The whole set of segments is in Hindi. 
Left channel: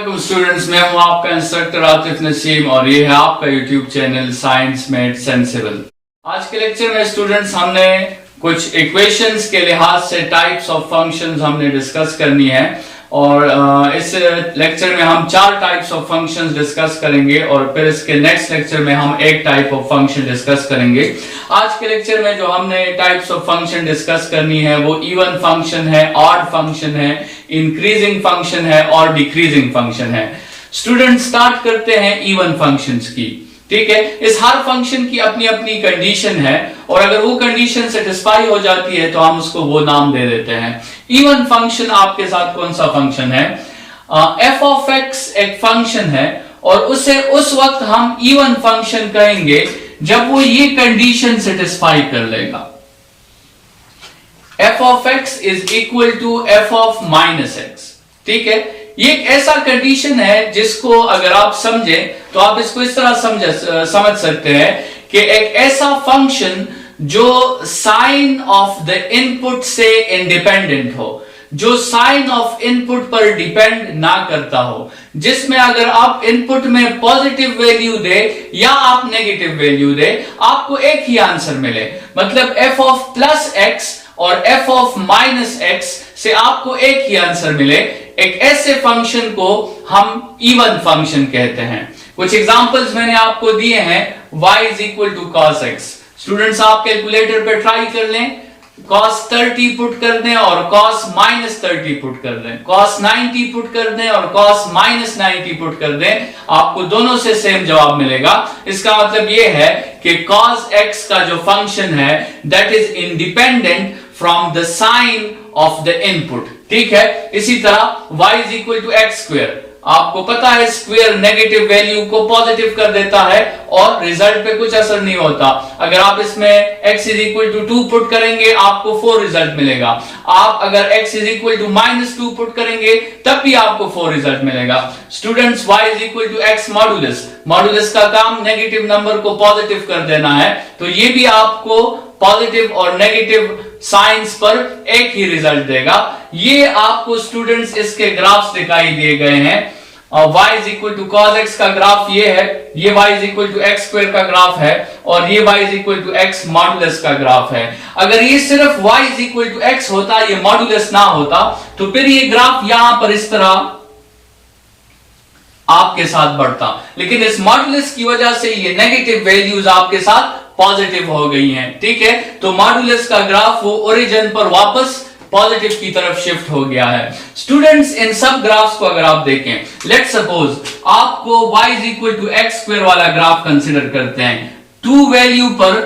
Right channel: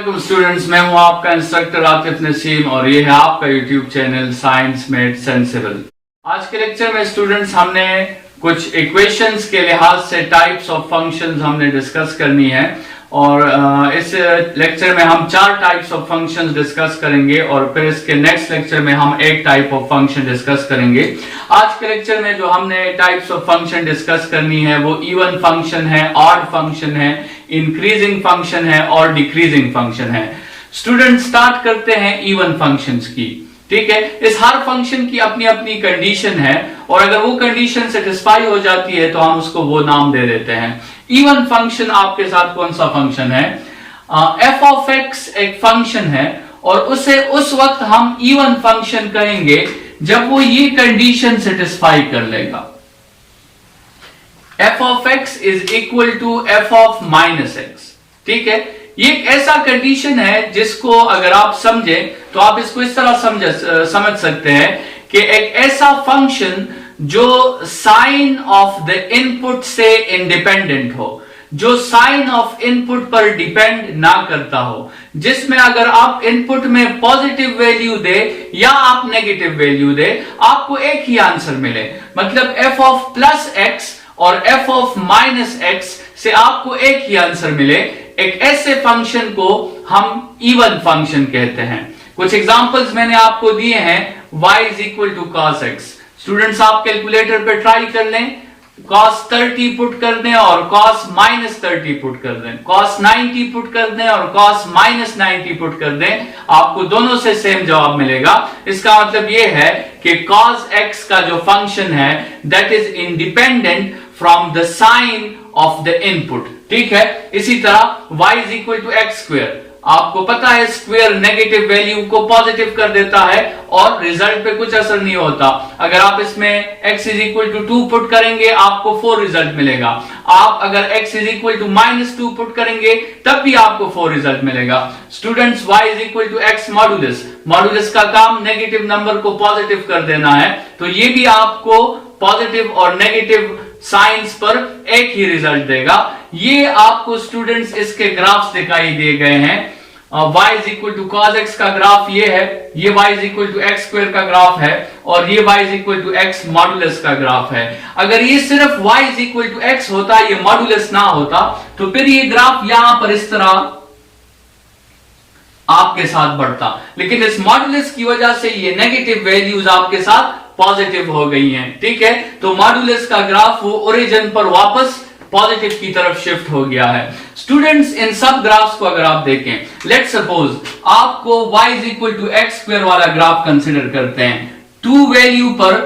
वालेकुम स्टूडेंट्स, मैं हूं आपका इंस्ट्रक्टर आतिफ नसीम और ये है आपका YouTube channel science math sensible. आज के लेक्चर में स्टूडेंट्स हमने कुछ इक्वेशंस के लिहाज से टाइप्स ऑफ फंक्शंस हमने डिस्कस करनी है और इस लेक्चर में हम 4 टाइप्स ऑफ फंक्शंस डिस्कस करेंगे और फिर इसके नेक्स्ट लेक्चर में हम एक टाइप ऑफ फंक्शन डिस्कस करेंगे। आज के लेक्चर में जो हमने टाइप्स ऑफ फंक्शन डिस्कस करनी है वो इवन फंक्शन है, ऑड फंक्शन है, इंक्रीजिंग फंक्शन है और डिक्रीजिंग फंक्शन है। स्टूडेंट स्टार्ट करते हैं इवन फंक्शंस की। ठीक है, इस हर फंक्शन की अपनी अपनी कंडीशन है और अगर वो कंडीशन सेटिस्फाई हो जाती है तो हम उसको वो नाम दे देते हैं। इवन फंक्शन आपके साथ कौन सा फंक्शन है? एफ ऑफ एक्स एक फंक्शन है और उसे उस वक्त हम इवन फंक्शन कहेंगे जब वो ये कंडीशन सेटिस्फाई कर लेगा। F of X is equal to F of minus X. ठीक है, ये एक ऐसा कंडीशन है जिसको अगर आप समझे तो आप इसको इस तरह समझ सकते हैं कि एक ऐसा फंक्शन जो साइन ऑफ द इनपुट से इंडिपेंडेंट हो, जो साइन ऑफ इनपुट पर डिपेंड ना करता हो, जिसमें अगर आप इनपुट में पॉजिटिव वैल्यू दे या आप नेगेटिव वैल्यू दे आपको एक ही आंसर मिले। मतलब एफ ऑफ प्लस एक्स और एफ ऑफ माइनस एक्स से आपको एक ही आंसर मिले। एक ऐसे फंक्शन को हम इवन फंक्शन कहते हैं। कुछ एग्जांपल्स मैंने आपको दिए हैं। y is equal to cos X. Students आप कैलकुलेटर पे ट्राई कर लें, cos 30 पुट कर दें और cos माइनस 30 पुट कर दें, cos 90 पुट कर दें और cos माइनस 90 पुट कर दें, आपको दोनों से सेम जवाब मिलेगा। इसका मतलब यह है कि cos x का जो फंक्शन है that is independent from the sign of the input. ठीक है, इसी तरह y is equal to X square. आपको पता है स्क्वायर नेगेटिव वैल्यू को पॉजिटिव कर देता है और रिजल्ट पे कुछ असर नहीं होता। अगर आप इसमें x is equal to 2 put करेंगे आपको 4 रिजल्ट मिलेगा। आप अगर x is equal to minus 2 put करेंगे तब भी आपको 4 रिजल्ट मिलेगा। Students y is equal to x modulus. Modulus का काम नेगेटिव नंबर को पॉजिटिव कर देना है, तो ये भी आपको पॉजिटिव और नेगेटिव साइंस पर एक ही रिजल्ट देगा। ये आपको स्टूडेंट्स इसके ग्राफ्स दिखाई दिए गए हैं। y is equal to cos X का ग्राफ ये है, ये y is equal to X square का ग्राफ है और ये y is equal to X modulus का ग्राफ है। अगर ये सिर्फ y is equal to X होता, ये मॉडुलस ना होता, तो फिर ये ग्राफ यहां पर इस तरह आपके साथ बढ़ता, लेकिन इस मॉडुलस की वजह से ये नेगेटिव वैल्यूज आपके साथ पॉजिटिव हो गई हैं। ठीक है, तो मॉडुलस का ग्राफ वो ओरिजिन पर वापस पॉजिटिव की तरफ शिफ्ट हो गया है। स्टूडेंट्स इन सब ग्राफ्स को अगर आप देखें, लेट्स सपोज आपको y is equal to X square वाला ग्राफ कंसिडर करते हैं। 2 वैल्यू पर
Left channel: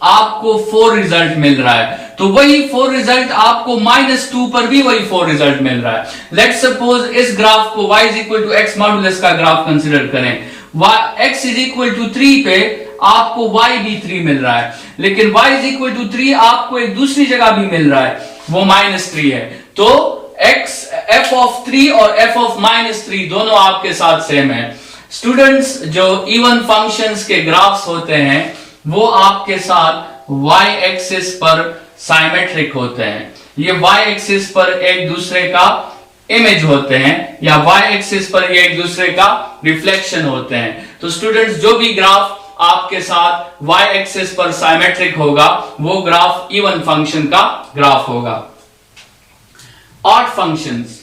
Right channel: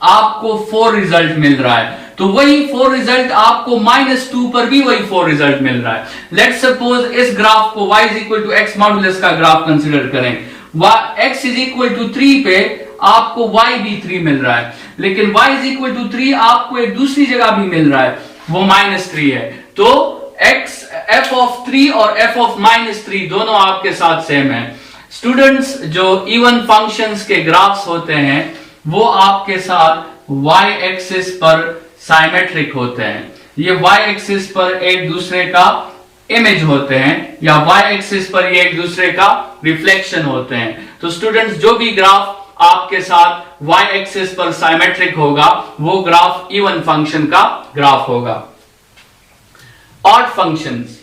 आपको 4 रिजल्ट मिल रहा है, तो वही 4 रिजल्ट आपको -2 पर भी वही 4 रिजल्ट मिल रहा है। लेट्स सपोज इस ग्राफ को y is equal to X modulus का ग्राफ कंसिडर करें। x इज इक्वल टू 3 पे आपको y भी 3 मिल रहा है, लेकिन y इज इक्वल टू 3 आपको एक दूसरी जगह भी मिल रहा है, वो -3 है। तो x f ऑफ 3 और f ऑफ -3 दोनों आपके साथ सेम है। स्टूडेंट्स जो इवन फंक्शंस के ग्राफ्स होते हैं वो आपके साथ y एक्सिस पर साइमेट्रिक होते हैं। ये y एक्सिस पर एक दूसरे का इमेज होते हैं या y एक्सिस पर ये एक दूसरे का रिफ्लेक्शन होते हैं। तो स्टूडेंट्स जो भी ग्राफ आपके साथ y एक्सिस पर साइमेट्रिक होगा वो ग्राफ इवन फंक्शन का ग्राफ होगा। ऑड फंक्शंस,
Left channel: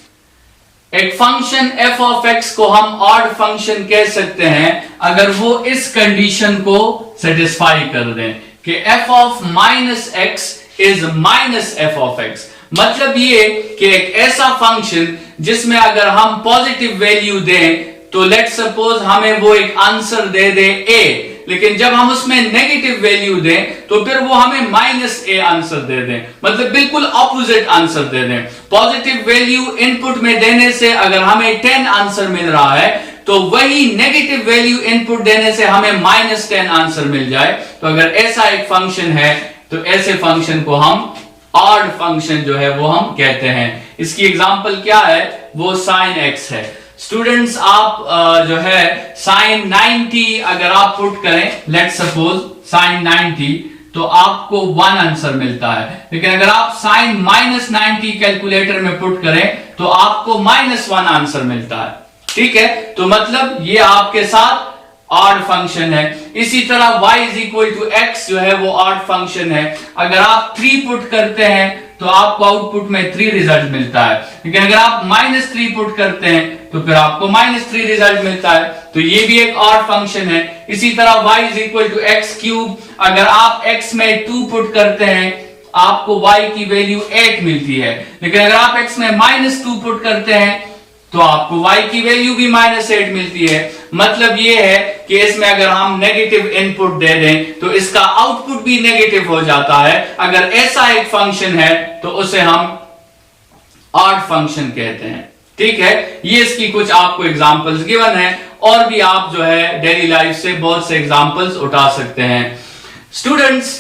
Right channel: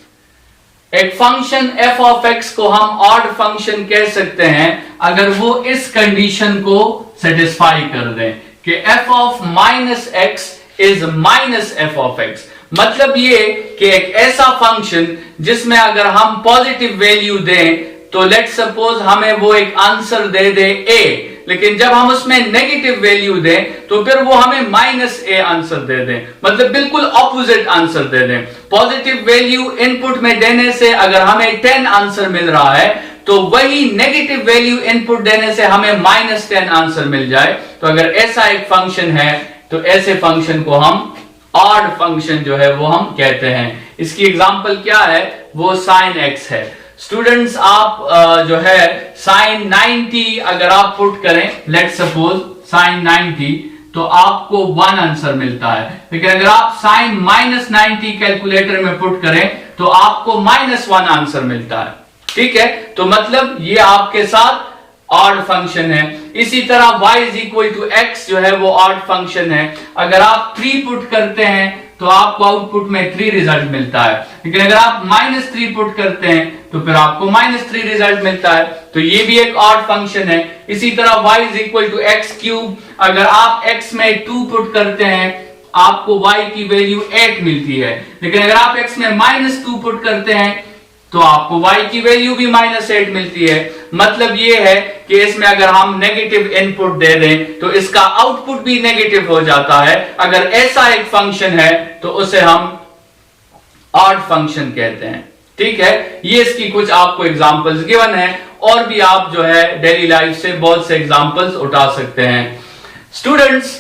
एक फंक्शन f ऑफ x को हम ऑड फंक्शन कह सकते हैं अगर वो इस कंडीशन को सेटिस्फाई कर दें कि f of minus x is minus F of x. मतलब ये कि एक ऐसा फंक्शन जिसमें अगर हम पॉजिटिव वैल्यू दें तो लेट्स सपोज हमें वो एक आंसर दे दे a, लेकिन जब हम उसमें नेगेटिव वैल्यू दें तो फिर वो हमें -a आंसर दे दें, मतलब बिल्कुल ऑपोजिट आंसर दे दें। पॉजिटिव वैल्यू इनपुट में देने से अगर हमें 10 आंसर मिल रहा है तो वही नेगेटिव वैल्यू इनपुट देने से हमें -10 आंसर मिल जाए। तो अगर ऐसा एक फंक्शन है तो ऐसे फंक्शन को हम ऑड फंक्शन जो है वो हम कहते हैं। इसकी एग्जांपल क्या है? वो साइन एक्स है। स्टूडेंट्स आप जो है साइन 90 अगर आप पुट करें, लेट्स सपोज साइन 90, तो आपको 1 आंसर मिलता है। लेकिन अगर आप साइन -90 कैलकुलेटर में पुट करें तो आपको -1 आंसर मिलता है। ठीक है, तो मतलब ये आपके साथ ऑड फंक्शन है। इसी तरह y is equal to X जो है वो ऑड फंक्शन है। अगर आप 3 पुट करते हैं तो आपको आउटपुट में 3 रिजल्ट मिलता है, लेकिन अगर आप -3 पुट करते हैं तो फिर आपको -3 रिजल्ट मिलता है, तो ये भी एक ऑड फंक्शन है। इसी तरह y is equal to X cube, अगर आप x में 2 पुट करते हैं आपको y की वैल्यू 8 मिलती है, लेकिन अगर आप x में -2 पुट करते हैं तो आपको y की वैल्यू भी -8 मिलती है। मतलब ये है कि इसमें अगर हम नेगेटिव इनपुट दे दें तो इसका आउटपुट भी नेगेटिव हो जाता है। अगर ऐसा एक फंक्शन है तो उसे हम ऑड फंक्शन कहते हैं। ठीक है, ये इसकी कुछ आपको एग्जांपल्स गिवन है, और भी आप जो है डेली लाइफ से बहुत से एग्जांपल्स उठा सकते हैं। स्टूडेंट्स,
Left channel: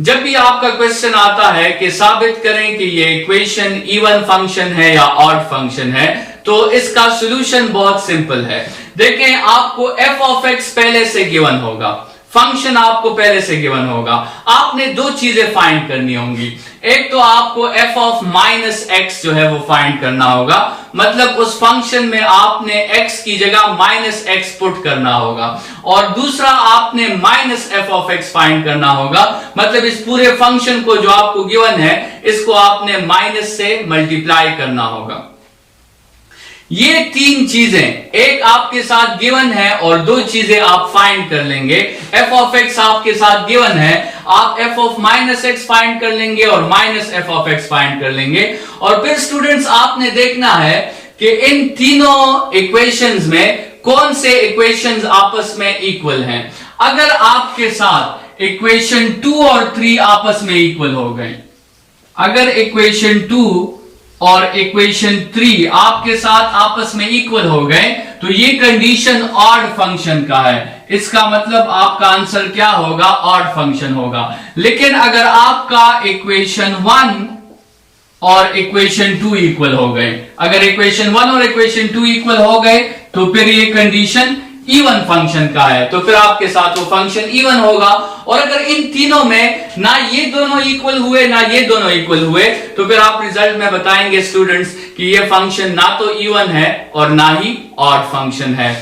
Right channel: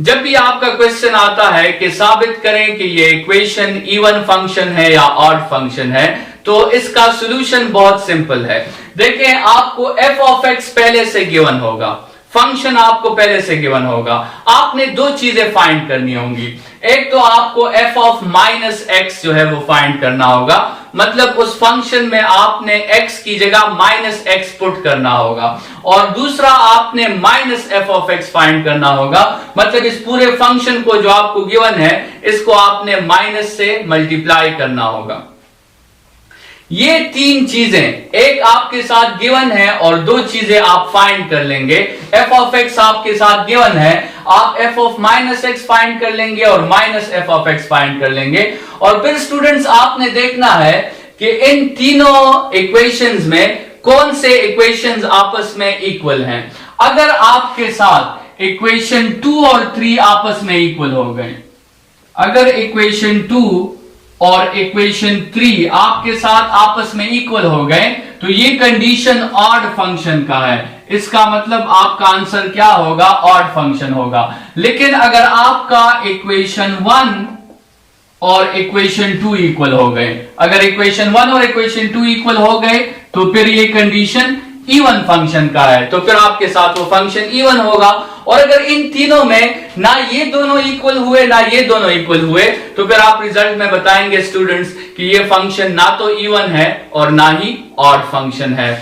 जब भी आपका क्वेश्चन आता है कि साबित करें कि ये इक्वेशन इवन फंक्शन है या ऑड फंक्शन है, तो इसका सॉल्यूशन बहुत सिंपल है। देखें, आपको f ऑफ x पहले से गिवन होगा, फंक्शन आपको पहले से गिवन होगा। आपने 2 चीजें फाइंड करनी होंगी। एक तो आपको f ऑफ -x जो है वो फाइंड करना होगा, मतलब उस फंक्शन में आपने x की जगह -x पुट करना होगा, और दूसरा आपने -f ऑफ x फाइंड करना होगा, मतलब इस पूरे फंक्शन को जो आपको गिवन है इसको आपने माइनस से मल्टीप्लाई करना होगा। ये 3 चीजें एक आपके साथ गिवन है और 2 चीजें आप फाइंड कर लेंगे। f ऑफ x आपके साथ गिवन है, आप f ऑफ -x फाइंड कर लेंगे और -f ऑफ x फाइंड कर लेंगे। और फिर स्टूडेंट्स आपने देखना है कि इन तीनों इक्वेशंस में कौन से इक्वेशंस आपस में इक्वल हैं। अगर आपके साथ इक्वेशन 2 और 3 आपस में इक्वल हो गए, अगर इक्वेशन 2 और इक्वेशन 3 आपके साथ आपस में इक्वल हो गए तो ये कंडीशन ऑड फंक्शन का है। इसका मतलब आपका आंसर क्या होगा? ऑड फंक्शन होगा। लेकिन अगर आपका इक्वेशन 1 और इक्वेशन 2 इक्वल हो गए, अगर इक्वेशन 1 और इक्वेशन 2 इक्वल हो गए तो फिर ये कंडीशन इवन फंक्शन का है, तो फिर आपके साथ वो फंक्शन इवन होगा। और अगर इन तीनों में ना ये दोनों इक्वल हुए ना ये दोनों इक्वल हुए तो फिर आप रिजल्ट में बताएंगे स्टूडेंट्स कि ये फंक्शन ना तो इवन है और ना ही ऑड फंक्शन है।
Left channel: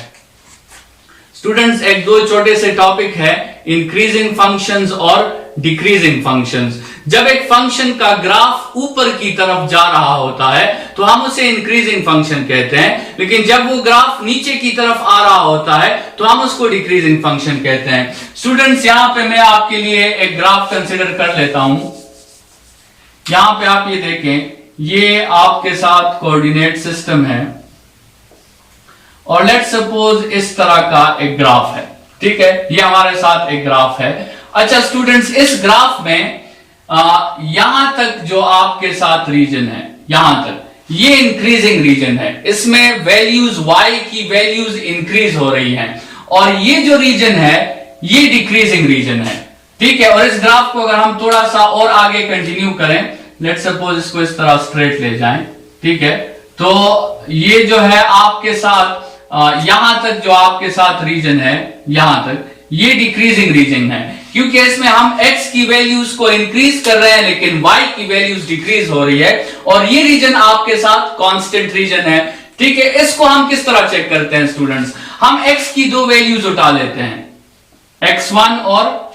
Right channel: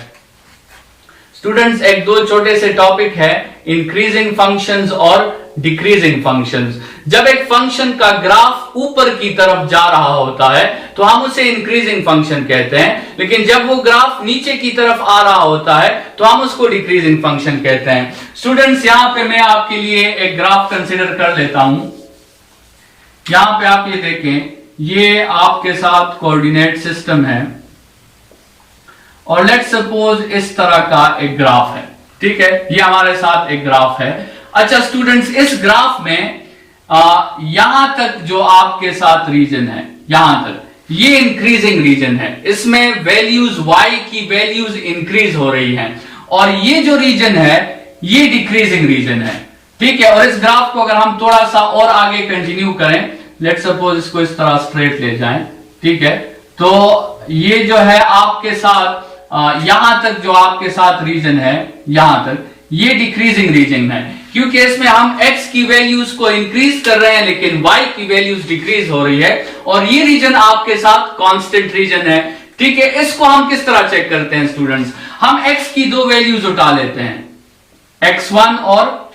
स्टूडेंट्स, एक 2 छोटे से टॉपिक है, इंक्रीजिंग फंक्शंस और डिक्रीजिंग फंक्शंस। जब एक फंक्शन का ग्राफ ऊपर की तरफ जा रहा होता है तो हम उसे इंक्रीजिंग फंक्शन कहते हैं, लेकिन जब वो ग्राफ नीचे की तरफ आ रहा होता है तो हम उसको डिक्रीजिंग फंक्शन कहते हैं। स्टूडेंट्स, यहां पे मैं आपके लिए एक ग्राफ कंसीडर कर लेता हूं। यहां पे आप ये देखें, ये आपके साथ कोऑर्डिनेट सिस्टम है और लेट्स सपोज इस तरह का एक ग्राफ है। ठीक है, ये हमारे साथ एक ग्राफ है। अच्छा स्टूडेंट्स, इस ग्राफ में यहां तक जो आपके साथ रीजन है, यहां तक ये इंक्रीजिंग रीजन है, इसमें वैल्यूज y की वैल्यूज इंक्रीज हो रही हैं, और ये जो रीजन है ये डिक्रीजिंग रीजन है। ठीक है, और इस ग्राफ को अगर हम थोड़ा सा और आगे कंटिन्यू करें, लेट्स सपोज इसको इस तरह स्ट्रेट ले जाएं, ठीक है, तो ये जो है आपके साथ यहां तक जो आपके साथ रीजन है, यहां तक ये डिक्रीजिंग रीजन है, क्योंकि इसमें हम x की वैल्यूज को इंक्रीज कर रहे हैं लेकिन y की वैल्यूज डिक्रीज हो रही है, और ये रीजन आपके साथ कांस्टेंट रीजन है। ठीक है, इसको हम किस तरह चेक करते हैं स्टूडेंट्स? हम x की 2 वैल्यूज उठा लेते हैं, x1 और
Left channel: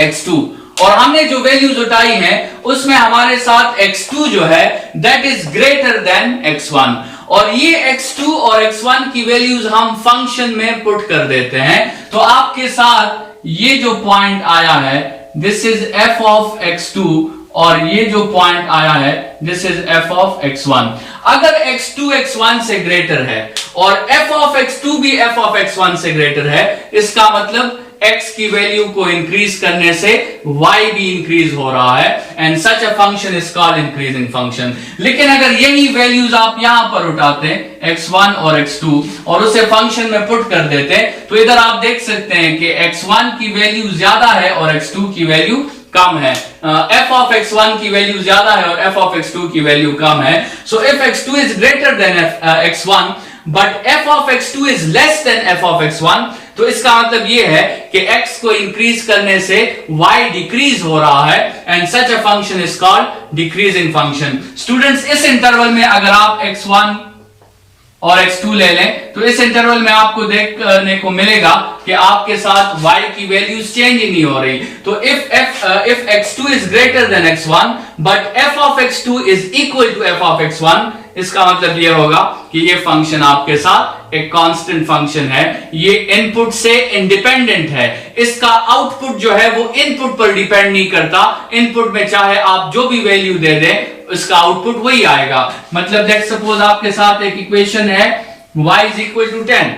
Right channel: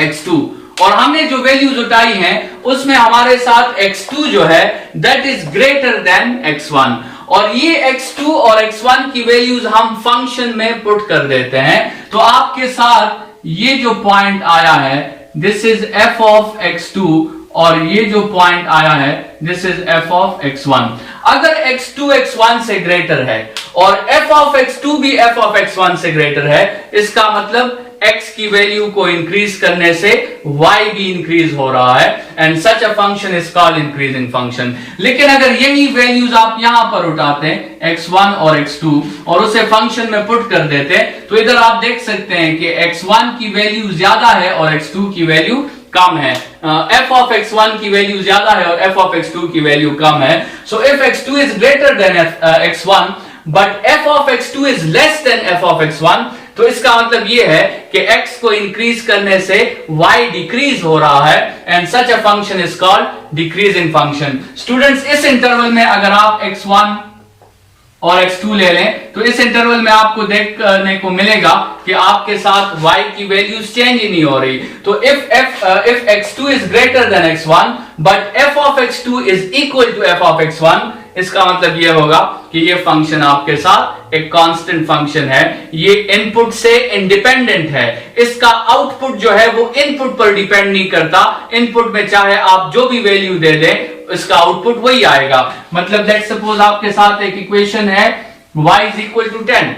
x2, और हमने जो वैल्यूज उठाई हैं उसमें हमारे साथ x2 जो है that is greater than x1, और ये x2 और x1 की वैल्यूज हम फंक्शन में पुट कर देते हैं, तो आपके साथ ये जो पॉइंट आया है this is f of x2, और ये जो पॉइंट आया है this is f of x1। अगर x2 x1 से ग्रेटर है और f ऑफ x2 भी f ऑफ x1 से ग्रेटर है, इसका मतलब x की वैल्यू को इंक्रीज करने से y भी इंक्रीज हो रहा है, and such a function is called increasing function. लेकिन अगर यही वैल्यूज आप यहां पर उठाते हैं x1 और x2 और उसे फंक्शन में पुट कर देते हैं, तो इधर आप देख सकते हैं कि x1 की वैल्यू ज्यादा है और x2 की वैल्यू कम है। f ऑफ x1 की वैल्यू ज्यादा है और f ऑफ x2 की वैल्यू कम है। So if x2 is greater than x1 but f of x2 is less than f of x1, तो इसका मतलब यह है कि x को इंक्रीज करने से y डिक्रीज हो रहा है, and such a function is called decreasing function. Students, इस इंटरवल में अगर आप x1 और x2 ले लें, तो इस इंटरवल में आपको देखने को मिलेगा कि आपके साथ y की वैल्यूज चेंज ही नहीं हो रही। तो if x2 is greater than x1 but f of x2 is equal to f of x1, इसका मतलब ये होगा कि ये फंक्शन आपके साथ एक कांस्टेंट फंक्शन है, ये इनपुट से इंडिपेंडेंट है, इसका आउटपुट जो है वो इनपुट पर डिपेंड नहीं करता, इनपुट में चाहे आप जो भी वैल्यू दे दें इसका आउटपुट वही आएगा। मतलब लेट्स सपोज आपके साथ एक इक्वेशन है y is equal to 10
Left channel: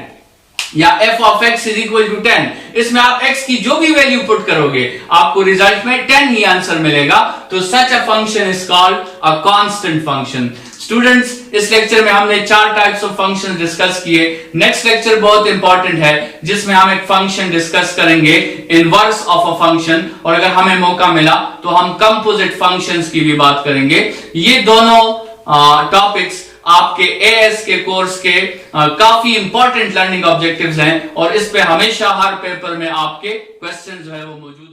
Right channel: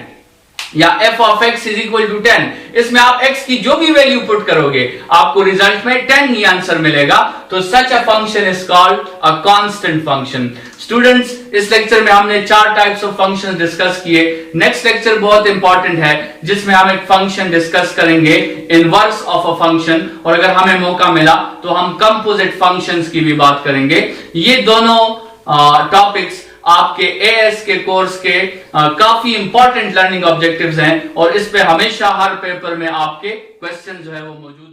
या f of x is equal to 10, इसमें आप x की जो भी वैल्यू पुट करोगे आपको रिजल्ट में 10 ही आंसर मिलेगा। तो such a function is called a constant function. Students, इस लेक्चर में हमने 4 टाइप्स ऑफ फंक्शन डिस्कस किए। नेक्स्ट लेक्चर बहुत इंपॉर्टेंट है जिसमें हम एक फंक्शन डिस्कस करेंगे, इनवर्स ऑफ अ फंक्शन, और अगर हमें मौका मिला तो हम कंपोजिट फंक्शंस की भी बात करेंगे। ये दोनों टॉपिक्स आपके एएस के कोर्स के काफी इंपॉर्टेंट लर्निंग ऑब्जेक्टिव्स हैं और इस पे हमेशा हर पेपर में आपके क्वेश्चन जो है वो मौजूद